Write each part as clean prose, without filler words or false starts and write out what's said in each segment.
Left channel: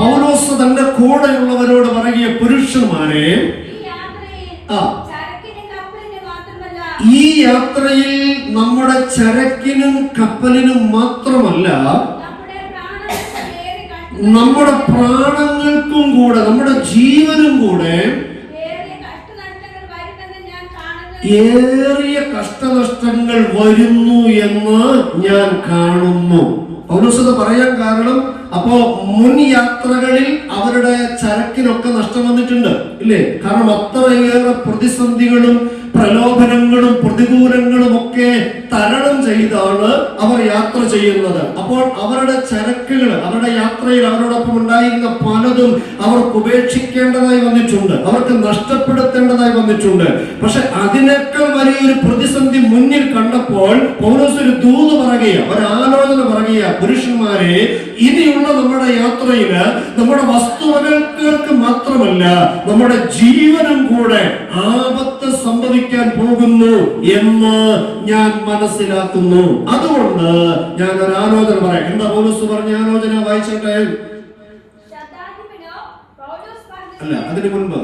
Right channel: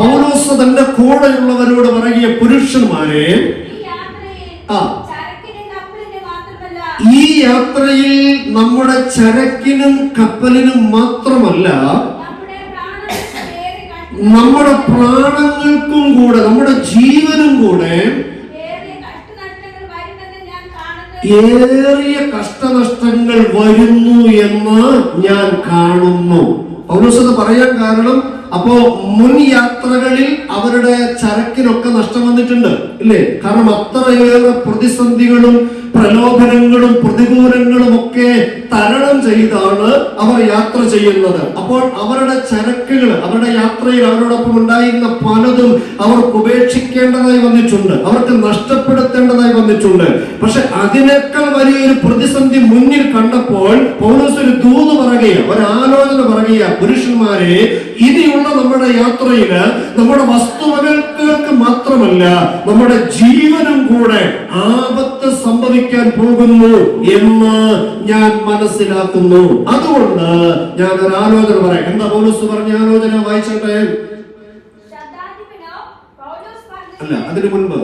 പൗലോസ് തന്റെ കൂടെയുള്ളവരോട് പറയുക, പുരുഷന്മാരെ, ഈ യാത്രയിൽ നമ്മുടെ ചരക്കിനും കപ്പലിനും മാത്രമല്ല, നമ്മുടെ പ്രാണങ്ങൾക്കും കൂടെ, നമ്മുടെ ജീവനും കൂടെ ഏറിയ കഷ്ടനഷ്ടങ്ങൾ വരുന്നു എന്ന് ഞാൻ കാണുന്നു. പൗലോസ് അത് പറയാൻ കാരണം, അപ്പോ മുൻ യാത്രകളിൽ അവരുടെ ചരക്കിനൊക്കെ നഷ്ടം വന്നിട്ടുണ്ട്, ഇല്ലേ? കാരണം അത്രയേറെ പ്രതിസന്ധികളും പ്രലോഭനങ്ങളും പ്രതികൂലങ്ങളും ഒക്കെ തരണം ചെയ്താണ് അവർ യാത്ര ചെയ്യുന്നത്. അപ്പോൾ അവരുടെ ചരക്കുകൾ, അവരുടെ യാത്രയിൽ അവരോടൊപ്പം ഉണ്ടായിരുന്ന പലതും അവർക്ക് ഉപേക്ഷിക്കേണ്ടതായി വന്നിട്ടുണ്ട്, അവർക്ക് നഷ്ടപ്പെടുത്തേണ്ടതായി വന്നിട്ടുണ്ട്. പക്ഷെ അതിനേക്കാൾ വലിയൊരു പ്രതിസന്ധി മുന്നിൽ കണ്ടപ്പോൾ പൗലോസ് ഒരു ദൂത് പറയുക, ഒരു ആലോചന പറയുക, പുരുഷന്മാരെ, ഇനിയുള്ള നമ്മുടെ യാത്രയില് നമ്മുടെ വസ്തുവകൾക്ക് മാത്രമല്ല, നമ്മുടെ ജീവനും കൂടെ ആപത്ത് സംഭവിക്കാൻ പോകുന്നു എന്ന് ഞാൻ മനസ്സിലാക്കുന്നു. അതുകൊണ്ട് ഞാൻ ഒരു ആലോചന പറയാം. എന്താ പൗലോസ് പറഞ്ഞ ആലോചന? വായിച്ചോട്ടെ. അല്ല, അതിന് മുൻപ്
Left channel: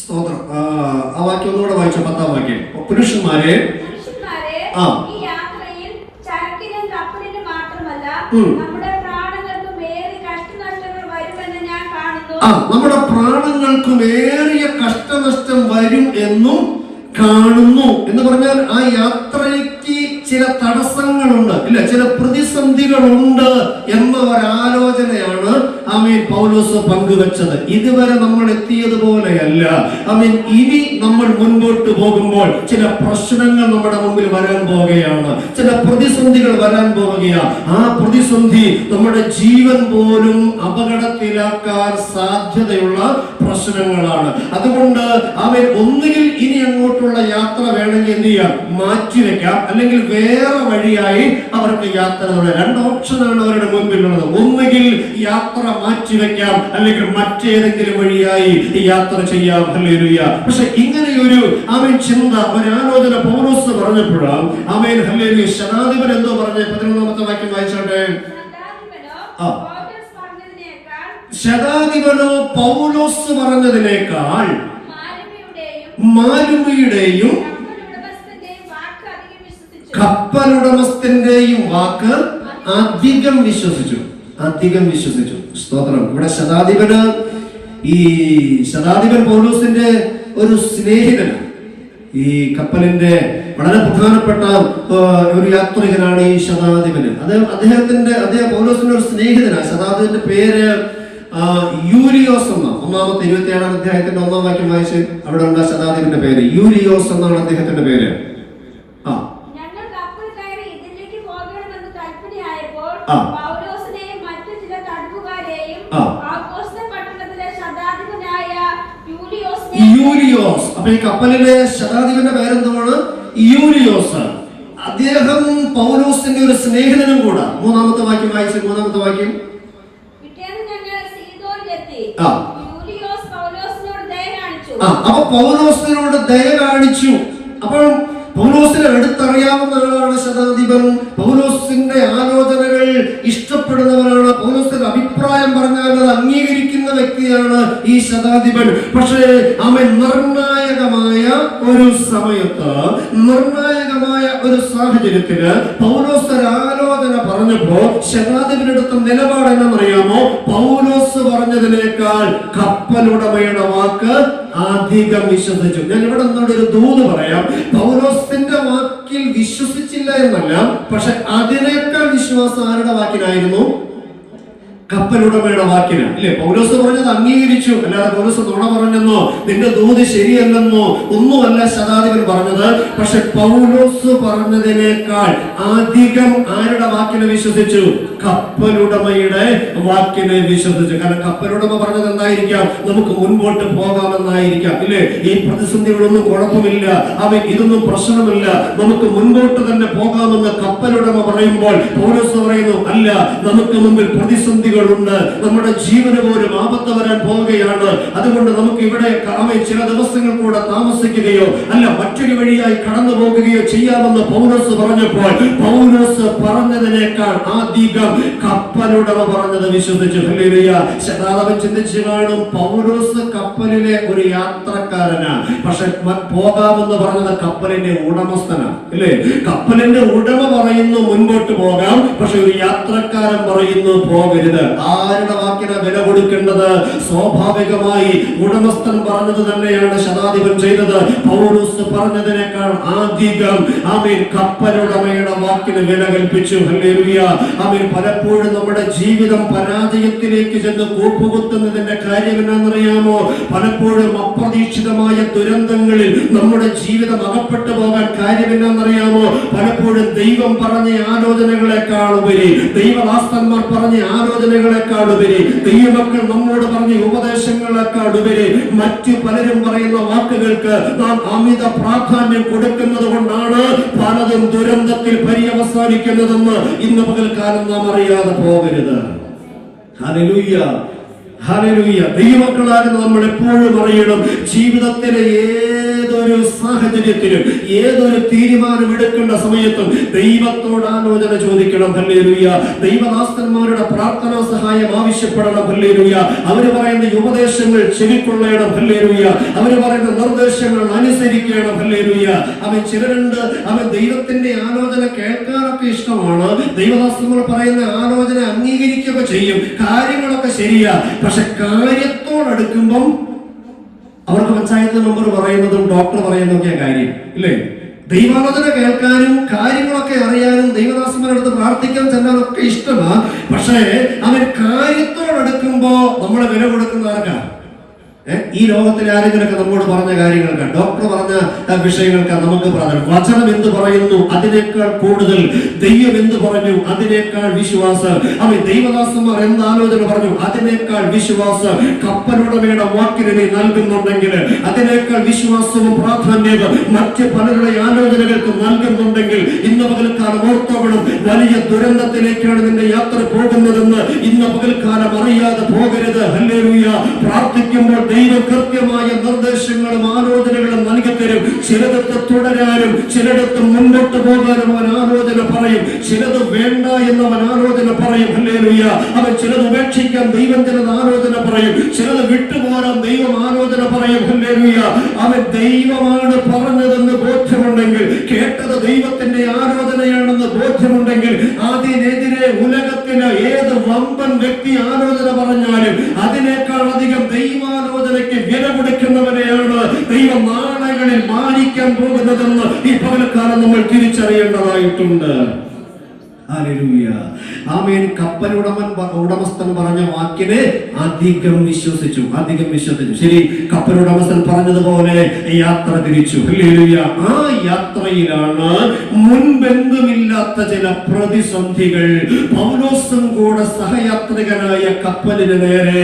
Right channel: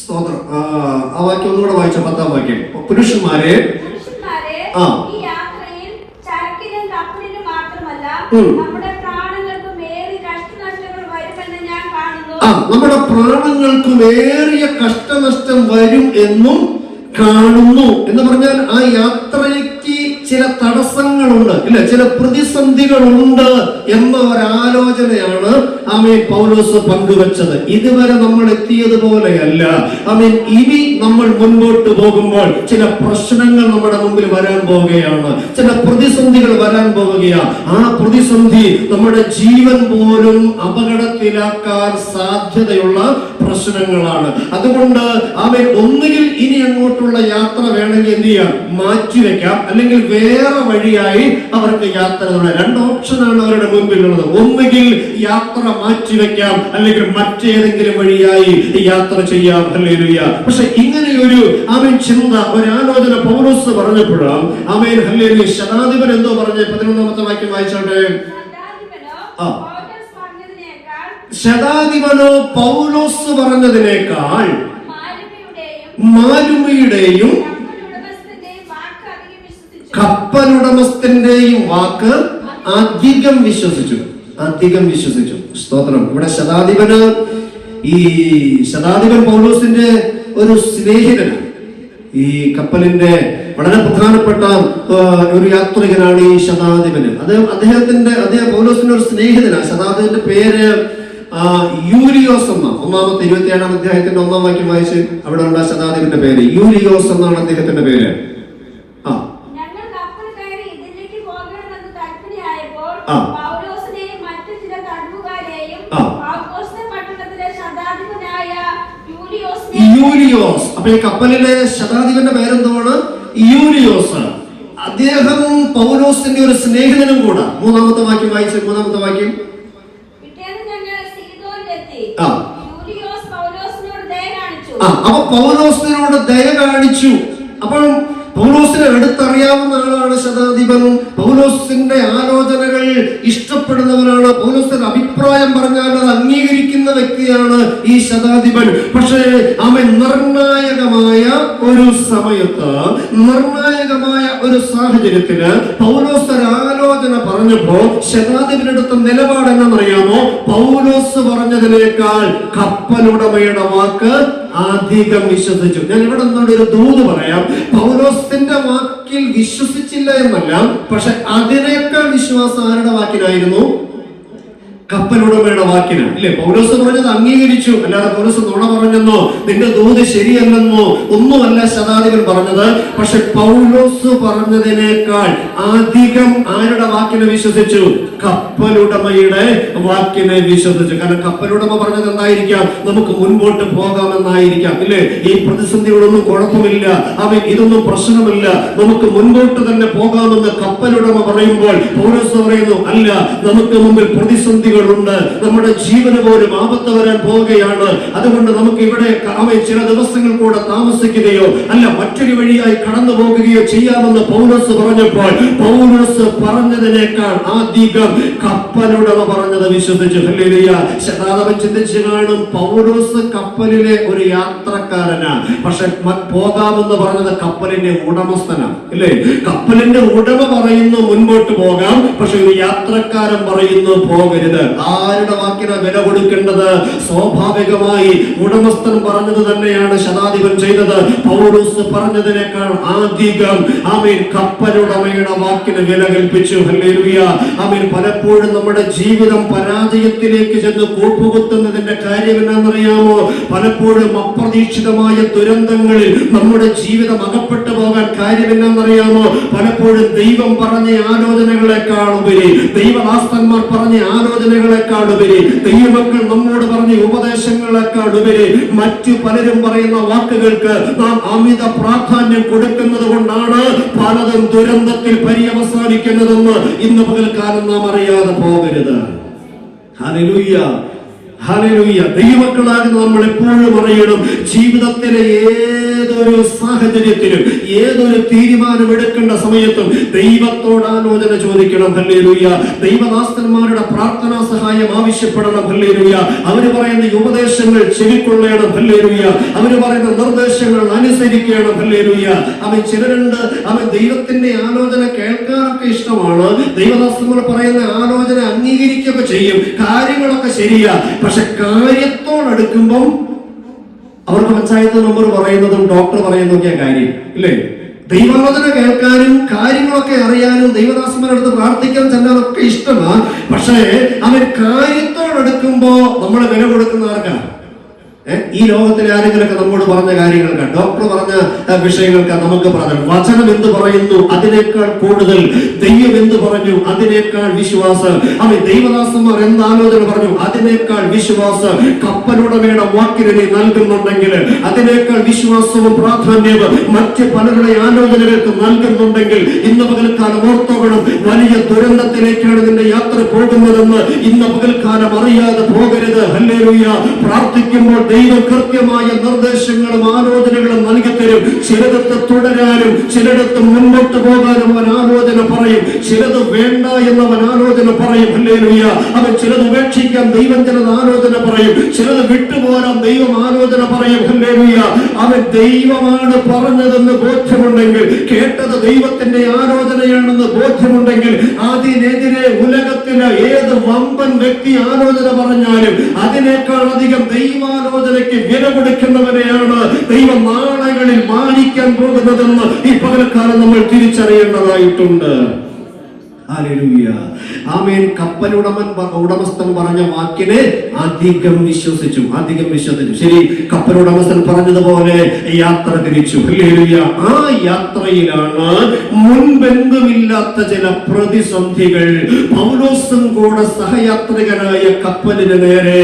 സ്തോത്രം, ആ വാക്യം ഒന്നുകൂടെ വായിച്ച 10-ാം വാക്യം. പുരുഷന്മാരെ, നമ്മുടെ പ്രാണങ്ങൾക്കും ഏറിയ കഷ്ടനഷ്ടം വരും എന്നും കാണുന്നു. എന്ന് പറഞ്ഞാൽ ആ യാത്രയ്ക്ക് ചില തടസ്സങ്ങളുണ്ട്, ഇല്ല, ചില പ്രതിസന്ധികളുണ്ട് എന്ന ഒരാലോചനയാണ് പൗലോസ് പങ്കുവച്ചത്. ഇതുവരെ നമ്മൾ എത്തിയതുപോലെയല്ല. ഇനി നമ്മൾ മുൻപോട്ട് പോകുമ്പോൾ ചില പ്രശ്നങ്ങൾ നമ്മുടെ മുമ്പിൽ വരാൻ പോവുകയാണ്, ചില പ്രതിസന്ധികൾ വരാൻ പോവുകയാണ്. ആ പ്രതിസന്ധി നമ്മുടെ ജീവൻ പോലും അപകടത്തിലാക്കാൻ സാധ്യതയുള്ള പ്രശ്നങ്ങളാണ്. അതുകൊണ്ട് ഒന്നുകിൽ ഇനി അങ്ങോട്ടുള്ള യാത്ര വേണമെങ്കിൽ എന്ത് ചെയ്യാം, മാറ്റിവെക്കാം, അല്ലെങ്കിൽ വേറെ വഴിയായി അവർക്ക് യാത്ര. രണ്ട് ഓപ്ഷനാണ് അവരുടെ മുൻപിലുള്ളത്. ഒന്നുകിൽ യാത്ര മാറ്റിവെക്കാം, അല്ലെങ്കിൽ മറ്റേതെങ്കിലും വഴിയായി യാത്ര ചെയ്യാം. ഹല്ലേലൂയ. പക്ഷെ ഇങ്ങനെയൊരു ചിന്ത, ഒരു ആലോചന പൗലോസ് പറഞ്ഞപ്പോഴാണ് ഹല്ലേലൂയ, ശതാധിപൻ എന്തോ പറഞ്ഞ് 11-ാമത്തെ വാക്യം വായിച്ചോട്ടെ. ശതാധിപനോ പൗലോസ് പറഞ്ഞതിനേക്കാൾ മാലുമിയുടെയും കപ്പലുടമസ്ഥന്റെയും വാക്ക് അധികം വിശ്വസിച്ചു. സ്തോത്രം. ഇവിടെ ശതാധിപൻ പൗലോസിന്റെ ഒരു സ്നേഹിതനാണ്. ഈ കപ്പലിന്റെ വളരെ പ്രധാനപ്പെട്ട ഒരു യാത്രികനാണ് ഈ ശതാധിപന്. അദ്ദേഹം പൗലോസിന്റെ ഒരു സ്നേഹിതനാണ്. ശതാധിപന്റെ പേര് യൂലിയോസ് എന്ന. 1-ാമത്തെ 27-ാം അധ്യായത്തിന്റെ 1-ാം വാക്യം വായിച്ച് അവിടെ ഉള്ള ശതാധിപന്റെ പേര് യൂലിയോസ് എന്നാണ് അദ്ദേഹത്തിന്റെ പേര്. യൂലിയോസ്. അപ്പൊ ഈ കപ്പലിലെ ശതാധിപന്റെ പേരെന്താണ്? യൂലിയോസ്. അദ്ദേഹം പൗലോസിന്റെ ഒരു സ്നേഹിതനും കൂടെ. 3-ാമത്തെ വാക്യം വായിച്ച്. 3-ാമത്തെ വാക്യം. അപ്പൊ പൗലോസിനോട് ദയ കാണിച്ചു. അപ്പോൾ പൗലോസിനെ അടുത്തറിയാവുന്ന ആളാണ് ശതാധിപനും. പൗലോസിന്റെ ആലോചനകൾ ഇഷ്ടപ്പെടുന്നവരാണ്. പൗലോസിന്റെ അഭിപ്രായം പറഞ്ഞാൽ അത് അംഗീകരിക്കുന്ന വ്യക്തിയാണ് ഈ ശതാധിപൻ. പക്ഷേ നിർണായകമായ ഒരു സമയത്ത്, നിർണായകമായ ഒരു സാഹചര്യത്തിന് പൗലോസ് ഒരു ആലോചന പറഞ്ഞപ്പോ ശതാധിപനടുത്ത നിലപാട് എന്നറിയാമോ? പൗലോസ് പറഞ്ഞതിനേക്കാൾ കപ്പലുടമയുടെ വാക്ക് അധികം വിശ്വസിച്ചു. ഞാൻ ഇവിടെ നിന്നൊരു ദൂത് പറയാം. പൗലോസിന്റെ വാക്കിൽ വിശ്വസിച്ചില്ല എന്നല്ല, പക്ഷെ അതിനേക്കാൾ വിശ്വാസം ആരുടെ വാക്കിലായിരുന്നു? കപ്പലുടമയുടെ വാക്കിലാണ്, ഇല്ലേ? പൗലോസ് പറഞ്ഞത് അംഗീകരിച്ചു. അല്ലാതെ പൗലോസ് നുണ പറഞ്ഞെന്നോ നിന്റെ ദൂത് ശരിയല്ലെന്നോ ഒന്നുമല്ല ശതാധിപൻ പറഞ്ഞത്. പക്ഷെ പൗലോസ് പറഞ്ഞതിനേക്കാൾ അധികം ആരുടെ വാക്കിനെ വിശ്വസിച്ചു? കപ്പലുടമയുടെ വാക്കിനെ വിശ്വസിച്ചു. കാരണം കപ്പലുടമ പറഞ്ഞത് എന്തായിരിക്കാം? നമുക്ക് മുൻപോട്ട് പോകാമെന്നായിരിക്കാം, ഇല്ലേ? ഈ പ്രതിസന്ധികളൊന്നും കുഴപ്പമില്ല, ഇതൊന്നും പ്രശ്നമില്ല, നമുക്ക് മുൻപോട്ട് തന്നെ പോകാമെന്ന് കപ്പലുടമ പറയുമ്പോൾ പൗലോസ് പറയുന്നു, അല്ല, നമുക്ക് മുമ്പിൽ പ്രതിസന്ധികൾ പ്രതിസന്ധികളുണ്ട്. നമ്മുടെ ജീവന് പോലും ആപത്ത് വരാൻ പോവുകയാണ്. അതുകൊണ്ട് നമുക്ക് ഇവിടെ ചില ദിവസങ്ങൾ കൂടെ താമസിക്കുകയോ അല്ല മറ്റൊരു വഴിയായി കടന്നു പോകുകയോ ചെയ്യാമെന്ന് പൗലോസ് പറഞ്ഞപ്പോൾ പൗലോസ് പറഞ്ഞതിനേക്കാൾ അധികം കപ്പലുടമ പറഞ്ഞത് വിശ്വസിച്ചു. ശതാതവൻ ചിന്തിച്ചു കാണും, പൗലോസ് കപ്പലിലെ ഒരു യാത്രക്കാരനാണ്, പക്ഷെ പോകാമെന്ന് പറഞ്ഞത് കപ്പലിന്റെ ഉടമസ്ഥനാണ്. അല്ലേ? കപ്പലിന്റെ ഉടമ പറയുന്നു മുൻപോട്ട് പോകാം, പക്ഷെ ഒരു യാത്രക്കാരൻ പറയുന്നു പോകരുത്. ആരുടെ വാക്കിന് വില കൊടുക്കേണ്ടത്? സ്വാഭാവികമായി ഉടമസ്ഥൻ പറഞ്ഞത് തന്നെയാണ് ശതാധിപൻ ചെയ്തത്. പൗലോസ് പറഞ്ഞതിനേക്കാൾ അധികം ആമേൻ കപ്പലുടമയുടെ വാക്കിന് വില കൽപ്പിച്ചു. ഹല്ലേലൂയ. ആമേൻ. പലപ്പോഴും നമ്മുടെ ജീവിതം പരാജയത്തിലേക്ക് ചെന്ന് കൂപ്പുകുത്തുന്നതിന്റെ കാര്യം എന്താണെന്നറിയാമോ? പലപ്പോഴും അപ്രതീക്ഷിതമായ ദുരന്തങ്ങളിൽ നമ്മുടെ ജീവിതം അകപ്പെട്ടു പോകാൻ കാര്യം എന്താണെന്നറിയാമോ? പലപ്പോഴും ദൈവം പറഞ്ഞ ആലോചനകളെക്കാളുപരി, ദൈവദാസന്മാർ പറഞ്ഞ ആലോചനകളെക്കാളുപരി, ദൈവമക്കൾ നമ്മോട് പറഞ്ഞ ഉപദേശങ്ങളെക്കാളുപരി മറ്റു പലരും പറയുന്ന വാക്കുകൾക്ക് നാം അമിത പ്രാധാന്യം കൊടുക്കുന്നത് കൊണ്ടാണ് പലതും ദുരന്തത്തിൽ പര്യവസാനിക്കുന്നതെന്ന് ഇന്ന് പകൽക്കാലം നാം അറിയാതെ പോകരുത്. Hallelujah, hallelujah. ദൈവമക്കളാകുന്ന നമ്മൾ എപ്പോഴും അറിയണം, ജീവിതത്തിലെ ഏതൊരു സാഹചര്യത്തിലും ഏതൊരു തീരുമാനം എടുക്കേണ്ട സമയത്തും ദൈവത്തോട് ആലോചന ചോദിക്കണം. ഹല്ലേലൂയ. ദൈവദാസന്മാരുടെ പ്രാർത്ഥനാ സഹായം ആവശ്യപ്പെടണം. ഹല്ലേലൂയ. അവര് പറയുന്ന ഉപദേശങ്ങൾ ചെവിക്കൊള്ളണം. ഹല്ലേലൂയ. അവര് പറയുന്ന നിർദ്ദേശങ്ങൾ അനുസരിക്കണം. ഹല്ലേലൂയ. അവൻ ചിലരുണ്ട്, അവൻ ദൈവത്തിന്റെ ആലോചന കേൾക്കാനൊക്കെ ഇഷ്ടമാണ്, ദൈവദാസന്മാർ പറയുന്ന ആലോചന അംഗീകരിക്കുക ചെയ്യും, കാര്യങ്ങളൊക്കെ ശരിയാ, പക്ഷെ കാര്യത്തോടടുക്കുമ്പം അവർക്ക് പഞ്ചായത്ത് മെമ്പർ പറയുന്നതും ഡോക്ടർ പറയുന്നതൊക്കെ കാര്യം ഇല്ലേ? ദൈവാലോചന കേൾക്കാനും കാര്യങ്ങളൊക്കെ അറിയാനും ദൈവദാസന്മാരുടെ പ്രാർത്ഥിക്കാൻ ചെല്ലാനൊക്കെ ഇഷ്ടമാണ്, പക്ഷേ അവൻ കാര്യത്തോടടുക്കുമ്പോ നമ്മൾ വില കൊടുക്കുന്നവർക്കാണ്. ഈ ലോകത്തിലെ ആരെങ്കിലൊക്കെ നമ്മോട് പറഞ്ഞ കാര്യങ്ങൾക്ക്, ഡോക്ടർ പറഞ്ഞ വിഷയങ്ങൾക്ക് നമുക്ക് പറഞ്ഞു, വചനം എന്ത് പറയുന്നു അതിനേക്കാൾ കൂടുതൽ ദൈവം എന്ത് പറഞ്ഞു അതിനേക്കാൾ വിശ്വാസം, അവൻ ദൈവദാസന്മാർ എന്ത് ആലോചന പറഞ്ഞു അതിനേക്കാൾ വിശ്വാസം, കപ്പലുടമയുടെ വാക്കിന് നീ നൽകുന്നുണ്ടെങ്കിൽ അതിനേക്കാൾ വിശ്വാസവും പ്രാധാന്യവും മറ്റ് പലരുടെ ആലോചനകൾക്ക് നൽകുന്നുണ്ടെങ്കിൽ ഇന്ന് പകൽക്കാലം ഓർത്തോണം, വലിയ ദുരന്തത്തിലേക്കാണ് നിന്റെ യാത്ര പോകുന്നതെന്ന് ഇന്ന് പകൽക്കാലം അറിയാതെ പോകരുത്. ഹല്ലേലൂയ. പ്രാർത്ഥിക്കുമ്പോൾ ദൈവം കൃത്യമായ നിർദ്ദേശങ്ങളും ആലോചനകളും നൽകിത്തരും. ചിലടത്ത് തുടരാനും ചിലടത്ത് മുന്നോട്ട് പോകാനും അവൻ ആലോചന പറയും, ചിലത് വേണ്ട എന്നവൻ ആലോചന പറയും. ഹല്ലേലൂയ. അവൻ ചിലത് ഉപേക്ഷിക്കാൻ ദൈവം ചിലത് ആലോചന പറയും, ചിലത് വിട്ടുപോകാൻ ദൈവം ആലോചന പറയും. ഹല്ലേലൂയ. അവൻ ദൈവമാണ് പറഞ്ഞതെന്ന് ബോധ്യമുണ്ടെങ്കിൽ, കേട്ടത് ദൈവത്തിന്റെ ആലോചനയാണെന്ന് ബോധ്യമുണ്ടെങ്കിൽ, അതിനെതിരെ ഉലകത്തിന് ഏത് വമ്പൻ വ്യക്തി ആലോചന പറഞ്ഞാലും അതിനേക്കാൾ അധികം ദൈവാലോചനയ്ക്ക് വില കൊടുക്കുന്നവരെയാണ് ദൈവം നാളുകളിൽ മാനിക്കാൻ പോകുന്നതെന്ന് ഈ പകൽക്കാലം നമ്മൾ തിരിച്ചറിയേണ്ടതായിട്ടുണ്ട്. ഹല്ലേലൂയ. ആമേൻ. ഉടമസ്ഥൻ പറഞ്ഞ വാക്കിനെ അധികം വിശ്വസിച്ചു. ശരി, കപ്പലുടമസ്ഥൻ പറഞ്ഞതുപോലെ യാത്ര തിരിച്ചു. ഹല്ലേലൂയ. ആ യാത്രയിലാണ് മുൻപെന്തുമില്ലാത്ത ചില പ്രതിസന്ധികൾ പൗലോസും കൂടെ സഹയാത്രികനായ കപ്പലിന് നേരെ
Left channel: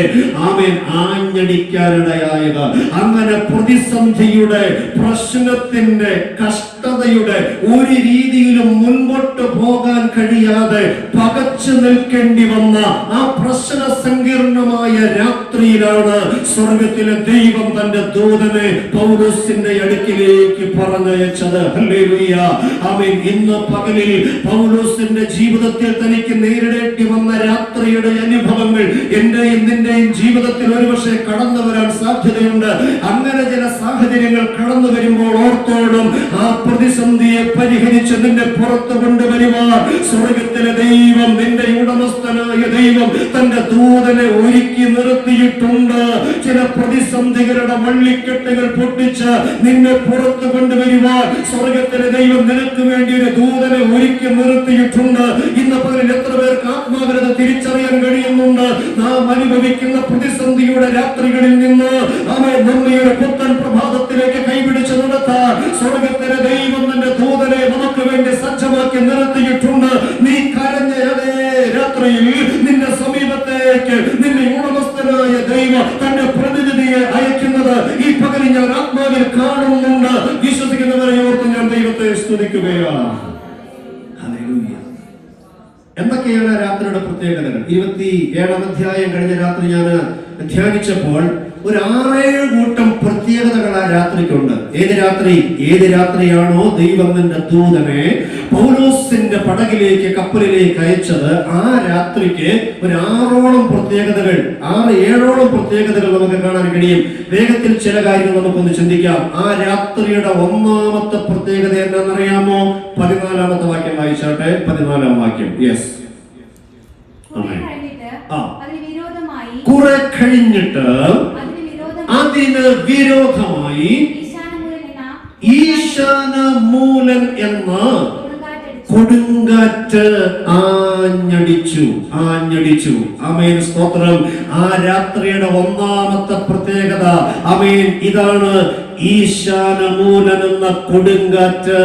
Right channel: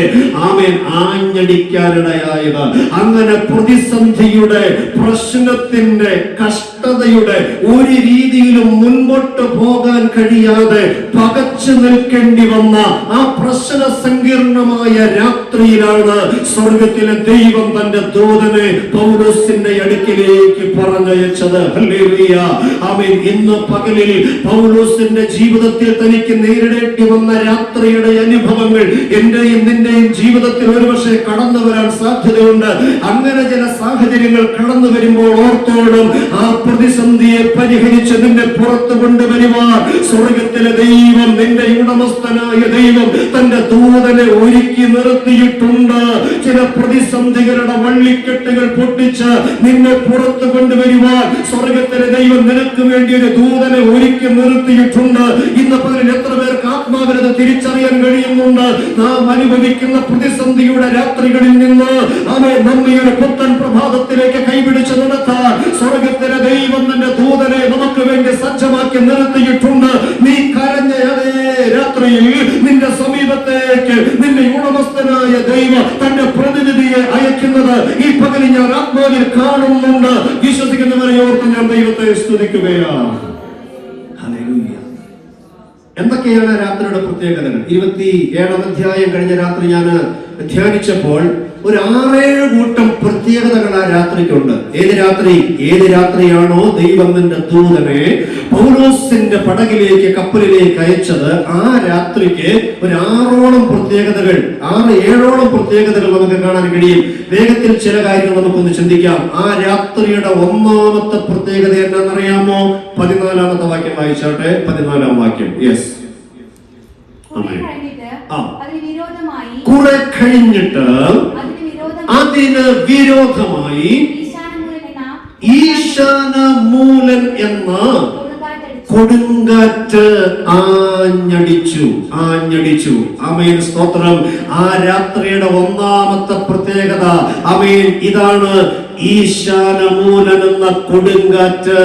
ആമേൻ ആഞ്ഞടിക്കാനിടയായത്. അങ്ങനെ പ്രതിസന്ധിയുടെ, പ്രശ്നത്തിന്റെ, കഷ്ടതയുടെ ഒരു രീതിയിലും മുൻപോട്ട് പോകാൻ കഴിയാതെ പകച്ചു നിൽക്കേണ്ടി വന്ന ആ പ്രശ്ന സങ്കീർണമായ രാത്രിയിലാണ് സ്വർഗത്തിലെ ദൈവം തന്റെ ദൂതനെ പൗലോസിന്റെ അടുക്കിലേക്ക് പറഞ്ഞയച്ചത്. ഹല്ലേലൂയ. ആമേൻ. ഇന്ന് പകലിൽ പൗലോസിന്റെ ജീവിതത്തിൽ തനിക്ക് നേരിടേണ്ടി വന്ന രാത്രിയുടെ അനുഭവങ്ങൾ എന്റെയും നിന്റെയും ജീവിതത്തിൽ ഒരുപക്ഷെ കടന്നു വരാൻ സാധ്യതയുണ്ട്. അങ്ങനെ ചില സാഹചര്യങ്ങൾ കടന്നു വരുമ്പോൾ ഓർത്തോടും ആ പ്രതിസന്ധിയെ പരിഹരിച്ച് നിന്നെ പുറത്തു കൊണ്ടുവരുവാൻ സ്വർഗത്തിലെ ദൈവം, നിന്റെ ഉടമസ്ഥനായ ദൈവം തന്റെ ദൂതനെ ഒരുക്കി നിർത്തിയിട്ടുണ്ട്. ചില പ്രതിസന്ധികളുടെ വള്ളിക്കെട്ടുകൾ പൊട്ടിച്ച് നിന്നെ പുറത്തു കൊണ്ടുവരുവാൻ സ്വർഗത്തിലെ ദൈവം നിനക്ക് വേണ്ടി ഒരു ദൂതനെ ഒരുക്കി നിർത്തിയിട്ടുണ്ട്. ഇന്ന് പകൽ എത്ര പേർക്ക് ആത്മാവിനത തിരിച്ചറിയാൻ കഴിയുന്നുണ്ട്? നാം അനുഭവിക്കുന്ന പ്രതിസന്ധിയുടെ രാത്രികളിൽ നിന്ന് അവൻ നമ്മയുടെ പുത്തൻ പ്രഭാതത്തിലേക്ക് കൈപിടിച്ച് നടത്താൻ സ്വർഗത്തിലെ ദൈവം തന്റെ ദൂതനെ നമുക്ക് വേണ്ടി സജ്ജമാക്കി നിർത്തിയിട്ടുണ്ട്. നീ കരഞ്ഞ അതേ രാത്രിയിൽ നിന്റെ സമീപത്തേക്ക് നിന്റെ ഉടമസ്ഥനായ ദൈവം തന്റെ പ്രതിനിധിയെ അയക്കുന്നത് ഈ പകൽ ഞാൻ ആത്മാവിൽ കാണുന്നുണ്ട്. വിശ്വസിക്കുന്നവരെ ഓർത്ത് ഞാൻ ദൈവത്തെ സ്തുതിക്കുകയാണ്. എന്തൊക്കെയാണ് രാത്രിയുടെ പ്രത്യേകതകൾ? 27-ാം അധ്യായം കഴിഞ്ഞ രാത്രി ഞാൻ ധ്യാനിച്ചപ്പോൾ ഒരു 6-7 കൂട്ടം പ്രത്യേകതകൾ ആ രാത്രിക്കുണ്ട്. ഏത് രാത്രിയാണോ ദൈവം നിന്റെ ദൂതനെ പൗലോസിന്റെ പടകിലേക്ക്, കപ്പലിലേക്ക് അയച്ചത്, ആ രാത്രിക്ക് ഒരു 6ഓളം പ്രത്യേകതകൾ, 6-7ഓളം പ്രത്യേകതകൾ നമുക്ക് കാണാൻ കഴിയും. വേഗത്തിൽ ചില കാര്യങ്ങൾ നമുക്കൊന്ന് ചിന്തിക്കാം. ആ രാത്രിയുടെ ഒന്നാമത്തെ പ്രത്യേകത എന്താണെന്നറിയാമോ? 14-ാമത്തെ വാക്യം വായിച്ചാട്ടെ. 14-ാം വാക്യം. യെസ്. കുറെ കഴിഞ്ഞിട്ട് അതിന് വിരോധമായി ഈശാനമൂലൻ എന്ന കൊടുങ്കാറ്റ് ആഞ്ഞടിച്ചു. ആമേൻ, സ്തോത്രം. ആ രാത്രിയുടെ ഒന്നാമത്തെ പ്രത്യേകത, ആമേൻ, ഇതാണ്. ഈശാനമൂലൻ എന്ന കൊടുങ്കാറ്റ്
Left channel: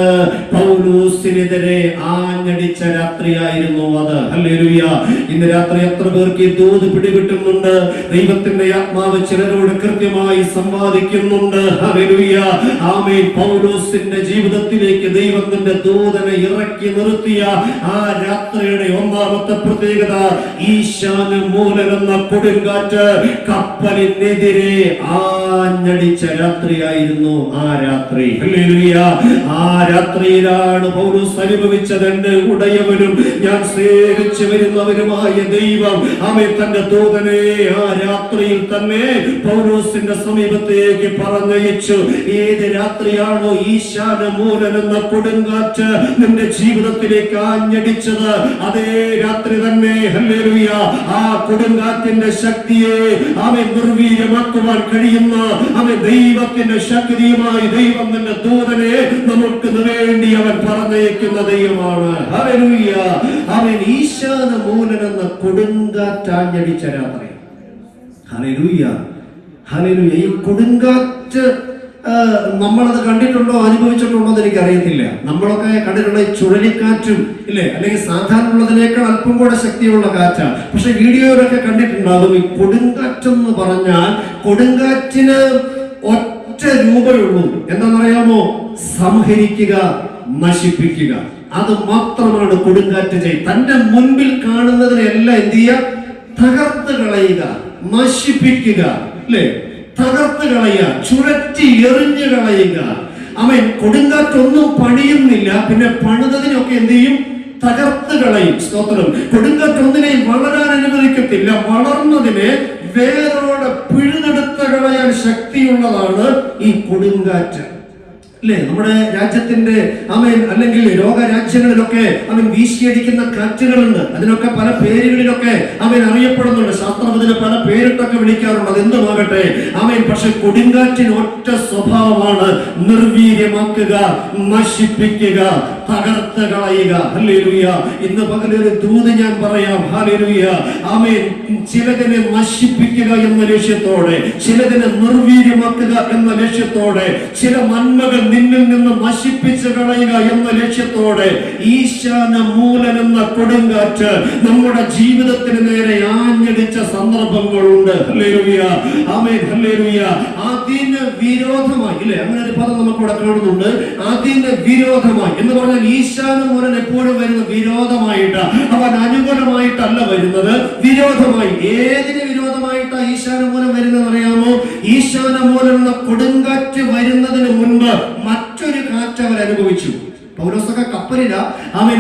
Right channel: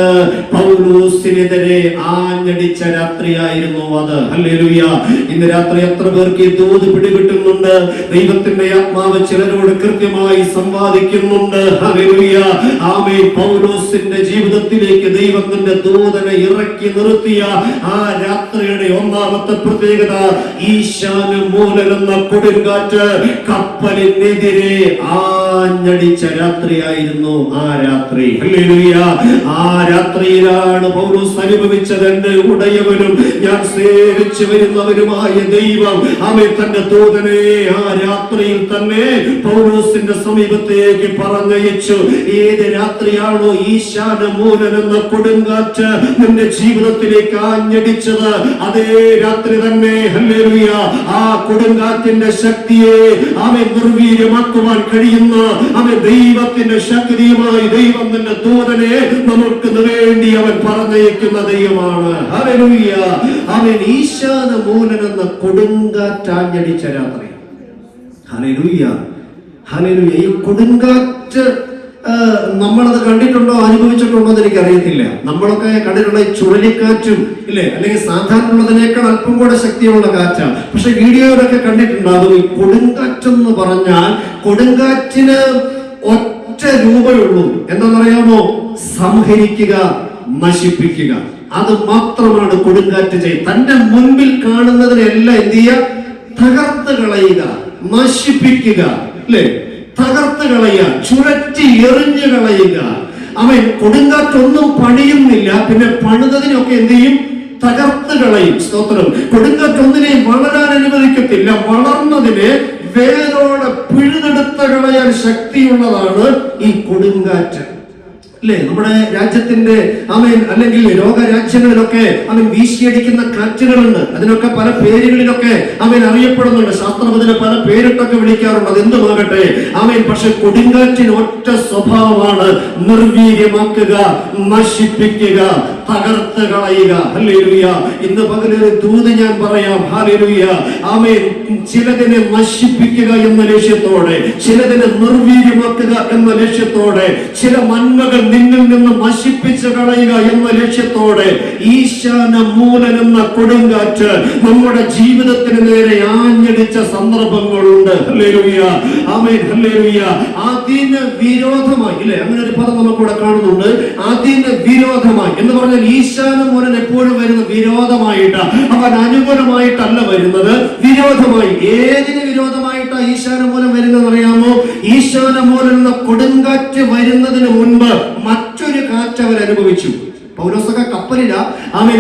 പൗലോസിനെതിരെ ആഞ്ഞടിച്ച രാത്രിയായിരുന്നു അത്. ഹല്ലേലൂയ. ഇന്ന് രാത്രി എത്ര പേർക്ക് ദൂത് പിടികിട്ടുന്നുണ്ട്? ദൈവത്തിന്റെ ആത്മാവ് ചിലരോട് കൃത്യമായി സംവാദിക്കുന്നുണ്ട്. ഹല്ലേലൂയ. ആമേൻ. പൗലോസിന്റെ ജീവിതത്തിലേക്ക് ദൈവത്തിന്റെ ദൂതനെ ഇറക്കി നിർത്തിയ ആ രാത്രിയുടെ ഒന്നാമത്തെ പ്രത്യേകത, ഈശാനമൂലൻ എന്ന കൊടുങ്കാറ്റ് കപ്പലിനെതിരെ ആഞ്ഞടിച്ച രാത്രിയായി ആ രാത്രി. ഹല്ലേലൂയ. ആ രാത്രിയിലാണ് പൗലോസ് അനുഭവിച്ചത്, എന്റെ ഉടയവനും ഞാൻ സേവിച്ചു വരുന്നവരുമായ ദൈവം അവൻ തന്റെ ദൂതനെ ആ രാത്രിയിൽ തന്നെ പൗലോസിന്റെ സമീപത്തേക്ക് പറഞ്ഞയച്ചു. ഏത് രാത്രിയാണോ ഈശാനമൂലൻ എന്ന കൊടുങ്കാറ്റ് എന്റെ ജീവിതത്തിലേക്ക് ആഞ്ഞടിച്ചത്, അതേ രാത്രി തന്നെ, ഹല്ലേലൂയ, ആ കൊടുങ്കാറ്റിന്റെ ശക്തിയെ അവൻ നിർവീര്യമാക്കുവാൻ കഴിയുന്ന അവൻ ദൈവത്തിന്റെ ശക്തിയുമായി ദൈവം നിന്റെ ദൂതനെ നമുക്ക് വേണ്ടി അവൻ പറഞ്ഞയക്കുന്ന ദൈവമാണ്. ഹല്ലേലൂയ. അവൻ ഈശാനമൂലൻ എന്ന കൊടുങ്കാറ്റാഞ്ഞടിച്ച രാത്രി. ഹല്ലേലൂയ. ഹല്ലേലൂയ. ഈ കൊടുങ്കാറ്റ് നമ്മളത് കണ്ടിട്ടുണ്ടോ, അനുഭവിച്ചിട്ടുണ്ടോ എന്ന് എനിക്ക് അറിയത്തില്ല. നമ്മളൊക്കെ കണ്ടിട്ടുള്ള ഈ ചുഴലിക്കാറ്റും ഇല്ലേ, അല്ലെങ്കിൽ സാധാരണ ഉള്ളതിനേക്കാൾ അല്പം കൂടെ ശക്തിയുള്ള കാറ്റാണ്. പക്ഷെ വീഡിയോയിലൊക്കെ കണ്ടിട്ടുണ്ടാകും. ഈ കൊടുങ്കാറ്റെന്ന് പറഞ്ഞാൽ കൊടുങ്കാറ്റിന് ഒറ്റ രൂപയുള്ളൂ. എന്താണെന്നറിയാമോ? സംഹരിക്കുക, നശിപ്പിക്കുക. അത് മാത്രമാണ് കൊടുങ്കാറ്റ് ചെയ്യുക. തന്റെ മുൻപിൽ കാണുന്നതിനെല്ലാം എന്ത് ചെയ്യുക? തകർത്ത് കളയുക, നശിപ്പിക്കുക, അല്ലേ? തകർത്ത് കളയുക, ചുരറ്റി എറിഞ്ഞു കളയുക. അവൻ കൊടുങ്കാറ്റൊന്നും പണിയുന്നില്ല, പിന്നെ പണിതതിനൊക്കെ എന്ത് ചെയ്യും? തകർത്ത് കളയും. സ്തോത്രം. കൊടുങ്കാറ്റൊന്നിനെയും വളരാൻ അനുവദിക്കത്തില്ല. വളർന്നതിനെ വേരോടെ പിഴുതെടുത്ത് കളയാൻ ശക്തിയുള്ളതാണ് ഈ കൊടുങ്കാറ്റ്. അല്ലെ, നമ്മുടെ രാജ്യത്തിന്റെ അവൻ അല്ലെങ്കിൽ ലോകരാജ്യങ്ങളിലൊക്കെ അവൻ വീശിയടിക്കുന്ന കാറ്റുകളുണ്ട്. അതിനൊക്കെ പല പേരുകളിലൊക്കെ അവൻ അറിയപ്പെടുന്നുണ്ട്. ശാസ്ത്രം അതിന് പല പേരിട്ടൊക്കെ വിളിക്കാറുണ്ട്. അതെന്തുമാകട്ടെ, അവൻ പക്ഷെ കൊടുങ്കാറ്റിന് ഒറ്റ സ്വഭാവമാണ്: നിർവീര്യമാക്കുക, നശിപ്പിക്കുക, തകർത്ത് കളയുക. ഹല്ലേലൂയ. ഇന്ന് പകലൊരു ദൂത് ഞാൻ പറയാം. ഹല്ലേലൂയ. അവൻ ചിലതിനെ നശിപ്പിക്കുക എന്ന ലക്ഷ്യത്തോടെ, ചിലതിനെ നിർവീര്യമാക്കുക എന്ന ലക്ഷ്യത്തോടെ, ചില നന്മകൾ നിന്നിൽ നിന്ന് നശിപ്പിച്ചു കളയുക എന്ന ലക്ഷ്യത്തോടെ ഈശാനമൂലൻ എന്ന കൊടുങ്കാറ്റ് നമ്മുടെ ജീവിതത്തിന് നേരെ ആഞ്ഞടിച്ച സന്ദർഭങ്ങളുണ്ട്. ഹല്ലേലൂയ. ആമേൻ. ഹല്ലേലൂയ. അതിന് വിരോധമായി, ഇല്ലേ, അങ്ങനെ ഒരു പദം നമുക്കിവിടെ കാണുന്നുണ്ട്. അതിന് വിരോധമായി എന്ന് പറഞ്ഞാൽ ഈശാനമൂലൻ എപ്പോഴും വരുന്ന വിരോധമായിട്ട്, അവൻ അനുകൂലമായിട്ടല്ല വരുന്നത്, വിരോധമായി. ഏതിന് വിരോധമായിട്ടാണ് ഈശാനമൂലൻ വരുന്നത് അറിയാമോ? ഈശാനമൂലൻ എന്ന കൊടുങ്കാറ്റ് വരുന്നതിന് മുൻപ് മറ്റൊരു കാറ്റ് അവർ അനുഭവിച്ചു. പൗലോസൊക്കെ അവൻ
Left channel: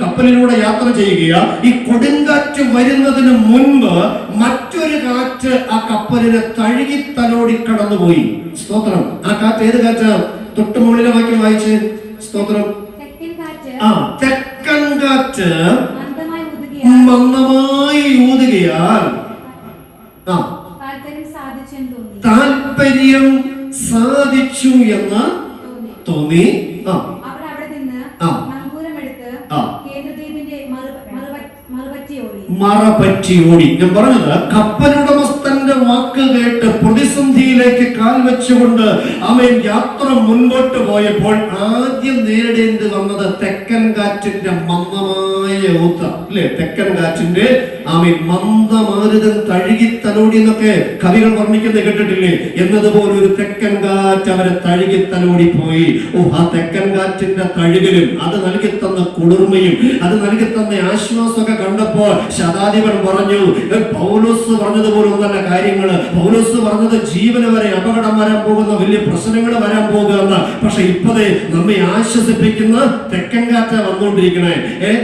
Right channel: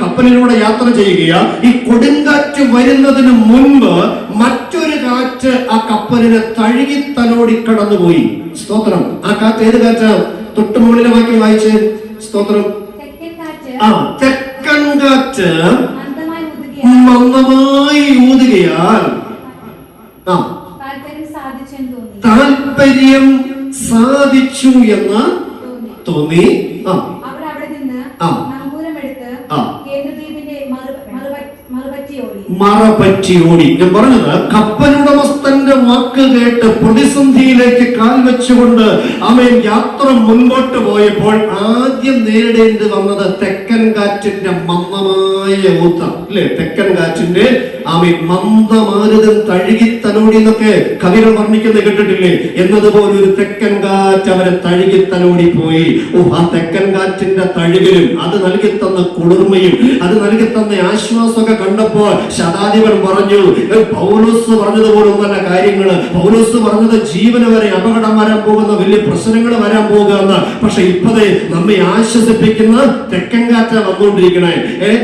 കപ്പലിലൂടെ യാത്ര ചെയ്യുക. ഈ കൊടുങ്കാറ്റ് വരുന്നതിന് മുൻപ് മറ്റൊരു കാറ്റ് ആ കപ്പലിനെ തഴുകി തലോടി കടന്നുപോയി. സ്തോത്രം. ആ കാറ്റ് ഏത് കാറ്റാ? തൊട്ട് മുകളിലെ വാക്യം വായിച്ച്. സ്തോത്രം. തെക്കൻ കാറ്റ് മന്ദമായി ഊതുകയാൽ താല്പര്യം സാധിച്ചു എന്ന് തോന്നി. മറപറ്റി ഓടി. ഞാൻ പറഞ്ഞത്, കപ്പലുടമസ്ഥന്റെ വാക്ക് കേട്ട് പ്രതിസന്ധിയിലേക്ക് കാൽ വെച്ചുകൊണ്ട് അവൻ യാത്ര മുൻപോട്ട് പോയപ്പോൾ ആദ്യം നേരിടേണ്ടി വന്നത് തെക്കൻ കാറ്റിന്റെ മന്ദമായ ഊത്തം. അല്ലെ, തെക്കൻ കാറ്റിന്റെ ആമേൻ മന്ദമാരുതൻ തഴുകി തലോടി എന്നൊക്കെ കവികൾ വർണ്ണിക്കുന്നത് കേട്ടിട്ടില്ലേ? എന്നതുപോലെ ഒരു തെക്കൻ കാറ്റ് അവരെ തഴുകി തലോടി പോയി. ആ തെക്കൻ കാറ്റിന്റെ തഴുകലും അത് നൽകി തന്ന കുളിർമയും അത് നൽകി തന്ന ആശ്വാസമൊക്കെ കണ്ടപ്പോൾ ശതാധിപൻ പറഞ്ഞു, പൗലോസ് പറഞ്ഞതുപോലെ ഒന്നല്ല കാര്യങ്ങള്. പൗലോസ് പറഞ്ഞത് ജീവന് വരെ അപകടം വരാൻ പോകുന്ന വലിയ പ്രശ്നങ്ങൾ വരാൻ പോകുന്ന, പക്ഷെ ഇപ്പതേ നമ്മെ ആശ്വസിപ്പിക്കുന്ന തെക്കൻ കാറ്റ വന്നുകൊണ്ടിരിക്കണേ.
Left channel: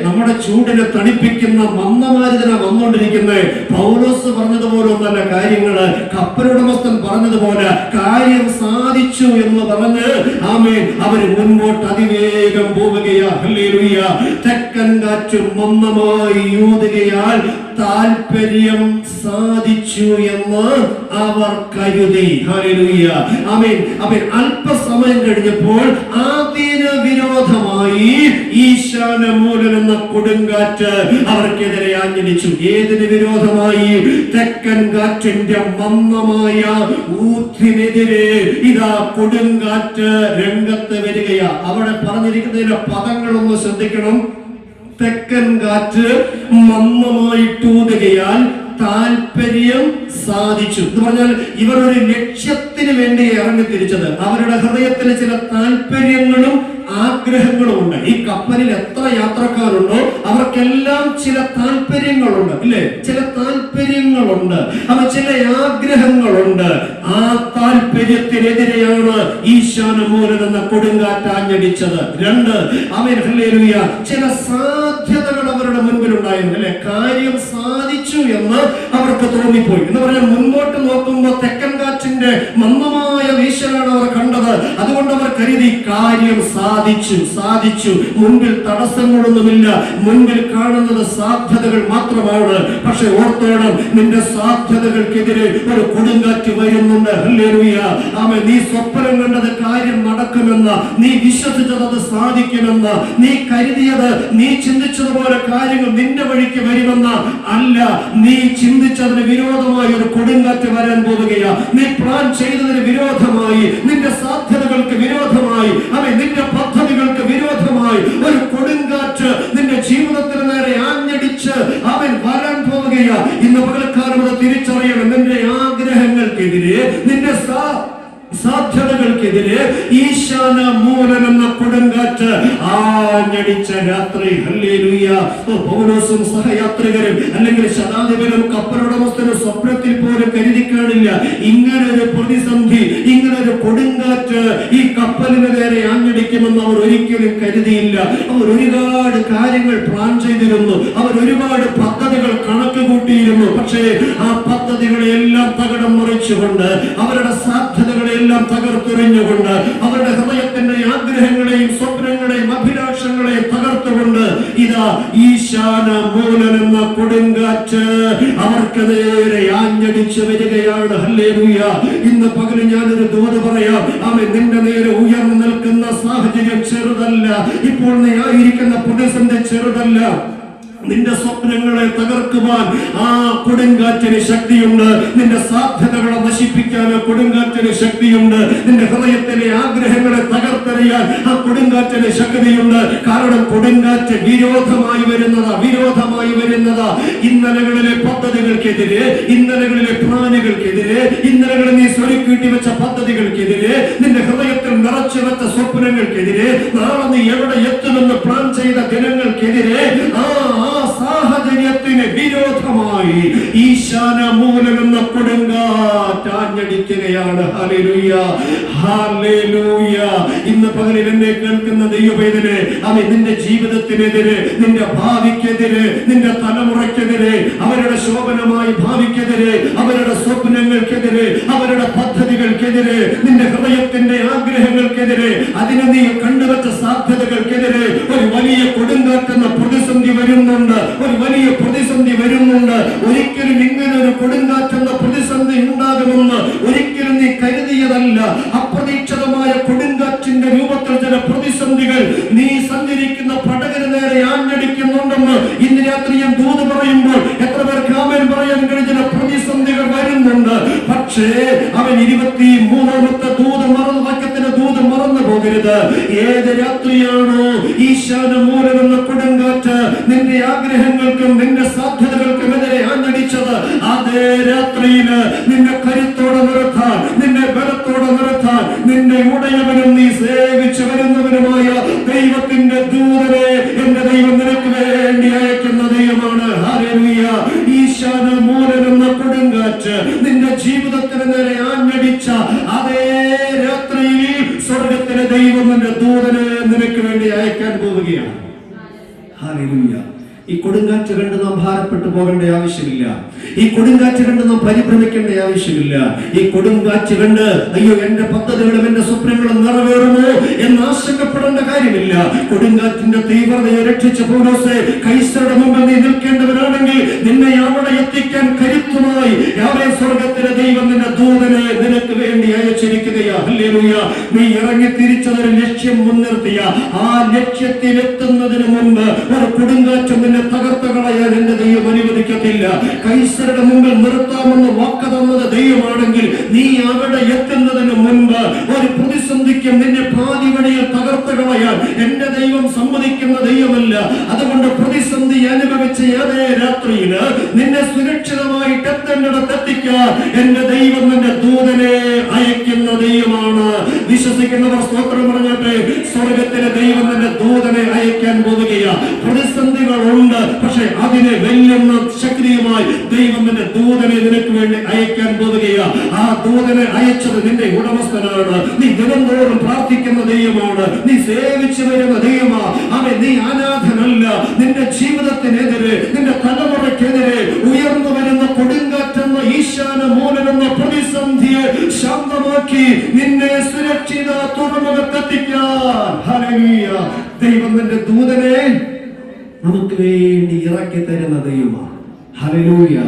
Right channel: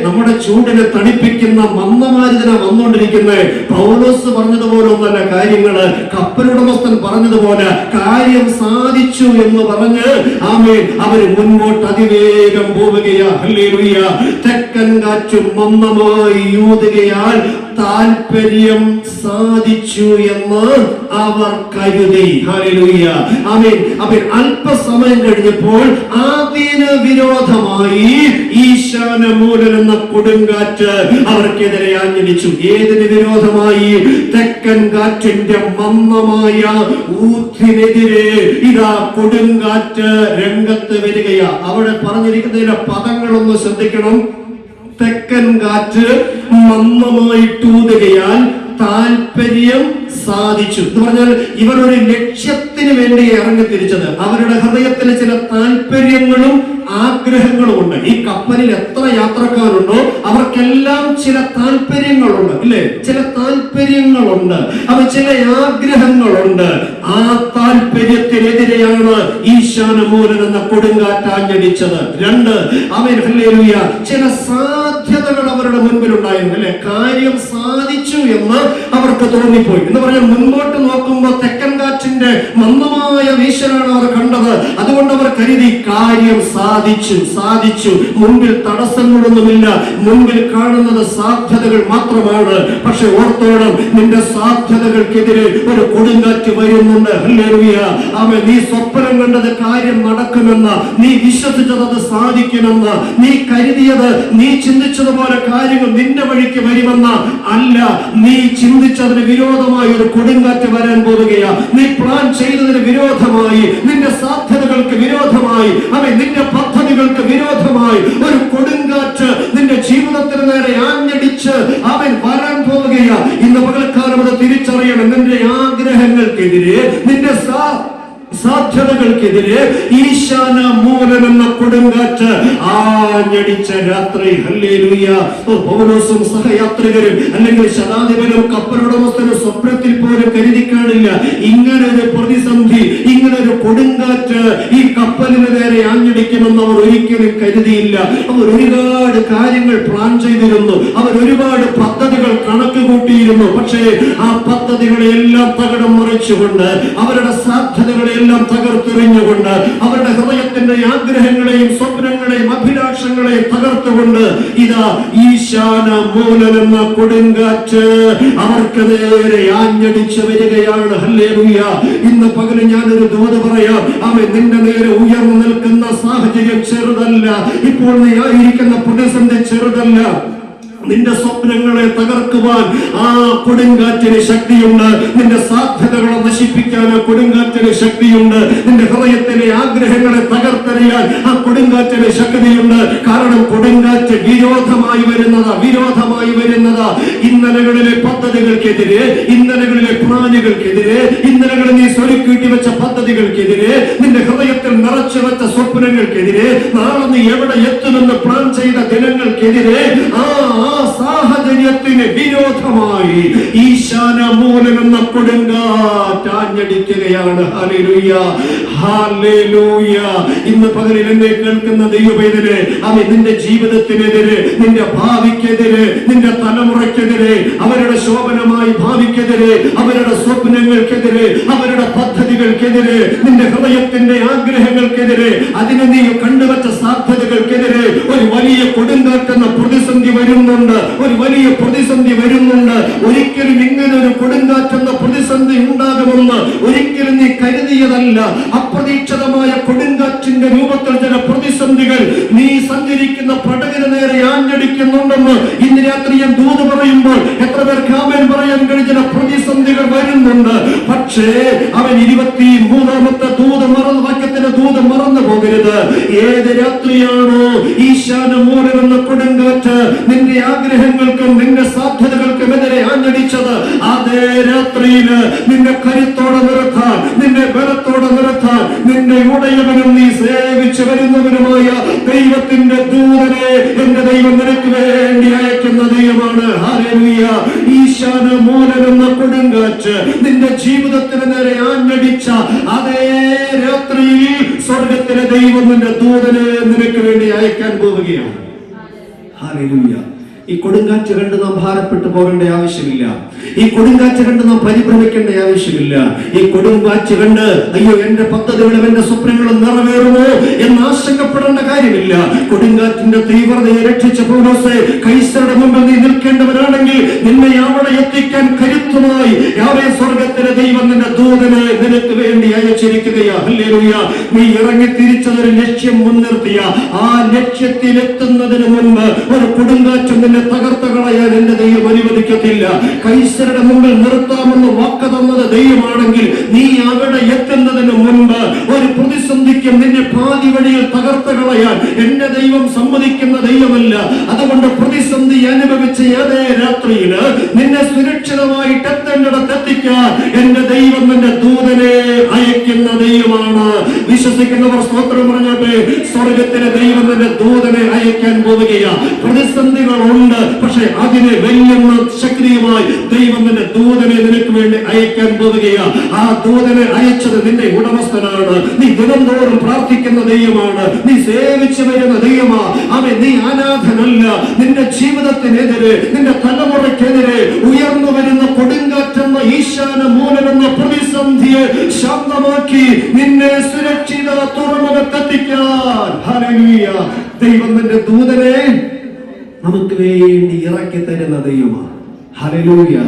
നമ്മുടെ ചൂടിനെ തണുപ്പിക്കുന്ന മന്ദമാരുതന വന്നുകൊണ്ടിരിക്കുന്നേ. പൗലോസ് പറഞ്ഞതുപോലെ ഒന്നല്ല കാര്യങ്ങള്. കപ്പലുടമസ്ഥൻ പറഞ്ഞതുപോലെ കാര്യം സാധിച്ചു എന്ന് പറഞ്ഞ് ആമേൻ അവർ മുൻപോട്ട് അതിവേഗം പോവുകയാ. ഹല്ലേലൂയ. തെക്കൻ കാറ്റ് മന്ദമായി യൂതുകയാൽ താല്പര്യം സാധിച്ചു എന്ന് അവർ കരുതി. ഹല്ലേലൂയ. ആമേൻ. അവർ അല്പസമയം കഴിഞ്ഞപ്പോൾ അതിന് വിരോധമായി ഈശാനമൂലൻ എന്ന കൊടുങ്കാറ്റ് അവർക്കെതിരെ ആഞ്ഞടിച്ചു. ഏതിന് വിരോധമായി? തെക്കൻ കാറ്റിന്റെ മന്ദമായ ഊത്തിനെതിരെ ഇതാ കൊടുങ്കാറ്റ് രംഗത്ത് വരികയാ. അവിടെ പറഞ്ഞിരിക്കുന്നതിന്റെ പദങ്ങളൊന്ന് ശ്രദ്ധിക്കണം. തെക്കൻ കാറ്റ് മന്ദമായിട്ടൂതുകയാൽ താല്പര്യം സാധിച്ചു എന്ന് പറഞ്ഞാൽ ഇവർ ഒരു ലക്ഷ്യത്തിന് വേണ്ടി ഇറങ്ങി തിരിച്ചത്. അവരുടെ ഹൃദയത്തിൽ ചില താല്പര്യങ്ങളും ആഗ്രഹങ്ങളും ഉണ്ട്. ഈ കപ്പലിൽ എത്ര യാത്രക്കാരുണ്ടോ അവർക്കെല്ലാം ചില താല്പര്യങ്ങളുണ്ട്, ഇല്ലേ? ചില താല്പര്യങ്ങളുണ്ട്, അത് ചില ആഗ്രഹങ്ങളുണ്ട്. ആ താല്പര്യത്തിനെതിരെയാണ് ഈശാനമൂലൻ എന്ന കൊടുങ്കാറ്റ് ആഞ്ഞടിച്ചത്. രണ്ട്, അവൻ ഹല്ലേലൂയ ചില സാധ്യതകൾ അവരുടെ മുൻപിൽ ഉണ്ടായിരുന്നു, അല്ലെ? കാര്യം സാധിച്ചു എന്ന് അവർക്ക് തോന്നിപ്പോയി. എന്ന് പറഞ്ഞാൽ മുൻപോട്ട് നോക്കുമ്പോൾ തെക്കൻ കാറ്റിന്റെ മന്ദമായ വീശലാണ് അവർ കണ്ടത്. അതുകൊണ്ട് അവർ കരുതി കാര്യം സാധിച്ചു. മുൻപിൽ തടസ്സങ്ങളൊന്നുമില്ല, മുൻപിൽ കാണുന്നത് സാധ്യതകൾ മാത്രമാണ്. പക്ഷെ ഓർത്തോണം, നിന്റെ സാധ്യതകൾക്കെതിരെ ഒരു കൊടുങ്കാറ്റ് വരുന്നുണ്ട്. ഹല്ലേലൂയ. അവൻ നീ സ്വപ്നം കണ്ടത് കാര്യം നടക്കുമെന്ന്, നീ വിശ്വസിച്ചത് അത് സാധിക്കുമെന്ന്, നീ കരുതിയത്, നീ ചിന്തിച്ചതുപോലെ കാര്യങ്ങൾ നിന്റെ വഴിക്ക് വരുമെന്ന് അല്ല. നീ ചിന്തിച്ചതിന് വിരോധമായി ഒരു കൊടുങ്കാറ്റ് വരാൻ പോവുകയാ. നീ പ്ലാൻ ചെയ്തതിന് വിരോധമായി, നിന്റെ സാധ്യതകൾക്ക് വിരോധമായി, അവൻ നിന്റെ പദ്ധതികൾക്ക് വിരോധമായി ഒരു കൊടുങ്കാറ്റ് നിന്റെ ജീവിതത്തിന് നേരെ ആഞ്ഞടിച്ച് അവൻ വരാൻ പോവുകയാ. ഇന്ന് പകൽക്കാലം അത് തിരിച്ചറിയണം. നിന്റെ ആഗ്രഹങ്ങൾക്കെതിരെ, നിന്റെ സാധ്യതകൾക്കെതിരെ ഈശാനമൂലൻ എന്ന കൊടുങ്കാറ്റ് ആഞ്ഞടിച്ച രാത്രി. ഹല്ലേലൂയ. പൗലോസും സഹയാത്രികരും അല്ലെങ്കിൽ ശതാധിപനും കപ്പലുടമസ്ഥനും സ്വപ്നത്തിൽ പോലും കരുതി കാണില്ല ഇങ്ങനൊരു പ്രതിസന്ധി, ഇങ്ങനൊരു കൊടുങ്കാറ്റ് ഈ കപ്പലിന് നേരെ ആഞ്ഞടിക്കുമെന്ന് അവർ ഒരിക്കലും കരുതിയില്ല. അവർ ഒരുപാട് കാര്യങ്ങൾ പ്ലാൻ ചെയ്തിരുന്നു, അവർ ഒരുപാട് പദ്ധതികൾ കണക്ക് കൂട്ടിയിരുന്നു. പക്ഷേ ആ പദ്ധതികളെല്ലാം തകിടം മറിച്ചുകൊണ്ട്, അവരുടെ സാധ്യതകളെല്ലാം തകർത്തെറിഞ്ഞുകൊണ്ട്, അവരുടെ ഹൃദയത്തിന്റെ ആഗ്രഹങ്ങളെയും സ്വപ്നങ്ങളെയും അഭിലാഷങ്ങളെയും തകർത്തുകൊണ്ട് ഇതാ ഈശാനമൂലൻ എന്ന കൊടുങ്കാറ്റ് അവർക്ക് നേരെ ആഞ്ഞടിച്ചു വരികയാണ്. ഹല്ലേലൂയ. ഇന്ന് പകല് ഞാനൊരു ദൂത് പറയാം. അവൻ നിന്റെ നേരെ ഉയർന്നു നിൽക്കുന്ന സാഹചര്യം ചെറുതല്ല. ഇപ്പോൾ നീ ആയിരിക്കുന്ന പ്രതിസന്ധി ചെറുതല്ല. നിന്റെ സ്വപ്നങ്ങളെ തകർക്കുവാൻ ആ കൊടുങ്കാറ്റിന് ശക്തിയുണ്ട്. നിന്റെ സാധ്യതകളെ നശിപ്പിക്കാൻ കൊടുങ്കാറ്റിന് ശക്തിയുണ്ട്. നിന്റെ ഹൃദയത്തിലെ ആഗ്രഹങ്ങളെ തകർത്തെറിയാൻ ആ കൊടുങ്കാറ്റിന് ശക്തിയുണ്ട്. കാരണം കൊടുങ്കാറ്റ് വിരോധമായി വരുന്നതാ. ഇന്നലകളിലെ പദ്ധതികൾക്കെതിരെ, ഇന്നലകളിലെ പ്ലാനുകൾക്കെതിരെ, ഇന്നലകളിൽ നീ സ്വരുക്കൂട്ടി വെച്ച പദ്ധതികൾക്കെതിരെ, നിന്റെ ഹൃദയത്തിൽ നിറച്ചു വെച്ച സ്വപ്നങ്ങൾക്കെതിരെ, നാളെ നീ എവിടെ എത്തുമെന്ന് പ്ലാൻ ചെയ്ത ദിനങ്ങൾക്കെതിരെ ആ സാഹചര്യത്തിന് വിരോധമായി ഈശാനമൂലൻ എന്ന കൊടുങ്കാറ്റ് ആഞ്ഞടിക്കുകയാണ്. ഹല്ലേലൂയ. ഹല്ലേലൂയ. ഇന്ന് പകലിൽ എന്നെ കേൾക്കുന്ന ദൈവവേദനെ, അവൻ നിന്റെ ജീവിതത്തിനെതിരെ, നിന്റെ ഭാവിക്കെതിരെ, നിന്റെ തലമുറയ്ക്കെതിരെ, അവരുടെ ശോഭനമായ ഭാവിക്കെതിരെ, അവരുടെ സ്വപ്നങ്ങൾക്കെതിരെ, അവരുടെ പദ്ധതികൾക്കെതിരെ, നിന്റെ ഹൃദയത്തിന്റെ ആഗ്രഹങ്ങൾക്കെതിരെ, അതിന് നീ കണ്ടുവച്ച സാധ്യതകൾക്കെതിരെ ഒരു വലിയ കൊടുങ്കാറ്റെന്ന പ്രതിസന്ധി വരുന്നുണ്ട്. ഒരിക്കലും ഇങ്ങനെ ഒരു കൊടുങ്കാറ്റെന്ന പ്രതിസന്ധി ഉണ്ടാകുമെന്ന് ഒരിക്കലും നീ കരുതിയതല്ല. അപ്രതീക്ഷിതമായ കൊടുങ്കാറ്റിന്റെ രൂപത്തിൽ ചില പ്രതിസന്ധികൾ നീ സഞ്ചരിക്കുന്ന പടകിന് നേരെ ആഞ്ഞടിക്കുന്നുണ്ടെന്ന് ഇന്ന് രാത്രി ഞാൻ ദൂത് പറയുമ്പോൾ എത്ര പേർക്ക് ആമേൻ പറയാൻ കഴിഞ്ഞ പ്രതിസന്ധികൾ വരുന്നുണ്ട്. പക്ഷേ അവൻ 23ാമത്തെ ദൂത് വാക്യത്തിന്റെ ദൂത് മറന്നു പോകരുത്. ഏത് രാത്രിയാണോ ഈശാനമൂലൻ എന്ന കൊടുങ്കാറ്റ് നിന്റെ ആഗ്രഹങ്ങൾക്കും നിന്റെ സാധ്യതകൾക്കും എതിരെ നിന്നെ ബലത്തോടെ നിർത്താൻ നിന്നെ ഉടയവനും നീ സേവിച്ചു വരുന്നവനുമായ ദൈവത്തിന്റെ ദൂതനെ എന്റെ ദൈവം നിനക്ക് വേണ്ടി അയക്കുന്ന ദൈവമാണ്. ഹല്ലേലൂയ. ഈശാന മൂലമെന്ന കൊടുങ്കാറ്റ് നിന്റെ ജീവിതത്തിന് നേരെ ആഞ്ഞടിച്ച അതേ രാത്രിയിൽ സ്വർഗത്തിലെ ദൈവം നിന്റെ ദൂതനെ നിനക്ക് വേണ്ടി അയക്കാൻ പോവുകയാണ്. ഹല്ലേലൂയ. ഈ കൊടുങ്കാറ്റ് കണ്ട് നാം ഭാരപ്പെട്ടു പോകേണ്ട ആവശ്യമില്ല. ഈ കൊടുങ്കാറ്റ് കണ്ട് നാം പരിഭ്രമിക്കേണ്ട ആവശ്യമില്ല. ഈ കൊടുങ്കാറ്റ് കണ്ട് അയ്യോ എന്റെ പദ്ധതികളും എന്റെ സ്വപ്നങ്ങളും നിറവേറുമോ എന്ന് ആശങ്കപ്പെടേണ്ട കാര്യമില്ല. കൊടുങ്കാറ്റിന്റെ തീവ്രതയെ രക്ഷിച്ച പൗലോസേ, കൈസരുടെ മുമ്പിൽ നീ നിൽക്കേണ്ടവരാണെങ്കിൽ നിന്നെ അവിടെ എത്തിക്കാൻ കരുത്തുമായി യാവേ സ്വർഗത്തിലെ ദൈവം നിന്റെ ദൂതനെ നിനക്ക് വേണ്ടി അയച്ചിരിക്കുകയാ. ഹല്ലേലൂയ. നീ ഇറങ്ങി തിരിച്ചതൊരു ലക്ഷ്യം മുൻനിർത്തിയ ആ ലക്ഷ്യത്തിലെത്തുന്നതിന് മുൻപ് ഒരു കൊടുങ്കാറ്റ് തകർത്ത കളയാൻ എന്റെ ദൈവം അനുവദിക്കത്തില്ല. കൈസരുടെ മുമ്പിൽ നിർത്താമെന്ന് വാക്ക് തന്നത് ദൈവമാണെങ്കിൽ നീ അവിടെ എത്തുന്നതിന് മുൻപ് ഒരു പ്രതിസന്ധിക്ക് നിന്നെ പാതി വഴിയിൽ തകർത്ത കളയാൻ എന്റെ ദൈവം സമ്മതിക്കുന്ന ദൈവമല്ല. അതുകൊണ്ട് പ്രതിസന്ധി അനുഭവിച്ച അതേ രാത്രിയിൽ നിന്നെ സുരക്ഷിതമായിട്ട് എത്തേണ്ടിടത്ത് എത്തിക്കാൻ എന്റെ ദൈവം നിന്റെ ദൂതനെ അയക്കുന്ന ദൈവമാണ്. വിശ്വസിക്കുന്നവർ സ്തോത്രം പറഞ്ഞോട്ടെ. സ്വർഗത്തിലെ ദൈവം എന്റെ ദൂതനെ അയക്കാൻ പോവുകയാണ്. പ്രതിസന്ധികളുണ്ട്, പക്ഷെ അതിനെ വെല്ലുന്ന ശക്തിയുമായി ദൈവം നിന്റെ ദൂതനെ നിനക്ക് വേണ്ടി അയക്കാൻ പോവുകയാണ്. ആ ദൂതനെ അയച്ചത് നിന്റെ ഉടമസ്ഥനാണ്. നീ ദിനംതോറും പ്രാർത്ഥിക്കുന്ന ദൈവമാണ്. നീ സേവിച്ചു വരുന്ന ദൈവമാണ്. അവൻ നീ അനാഥനല്ല. നിന്റെ ജീവിതത്തിനെതിരെ നിന്റെ തലമുറയ്ക്കെതിരെ ഉയർന്നു വരുന്ന കൊടുങ്കാറ്റെന്ന ഈശാന മൂലമെന്ന പ്രതിസന്ധിയെ ശാന്തമാക്കി നിന്നെ സുരക്ഷിത തുറമുഖത്തെത്തിക്കാൻ ഹല്ലേലൂയ ദൈവം നിന്റെ ദൂതനെ നമുക്ക് വേണ്ടി ഇറക്കി തരുന്ന ദൈവമാണ്. ഹല്ലേലൂയ.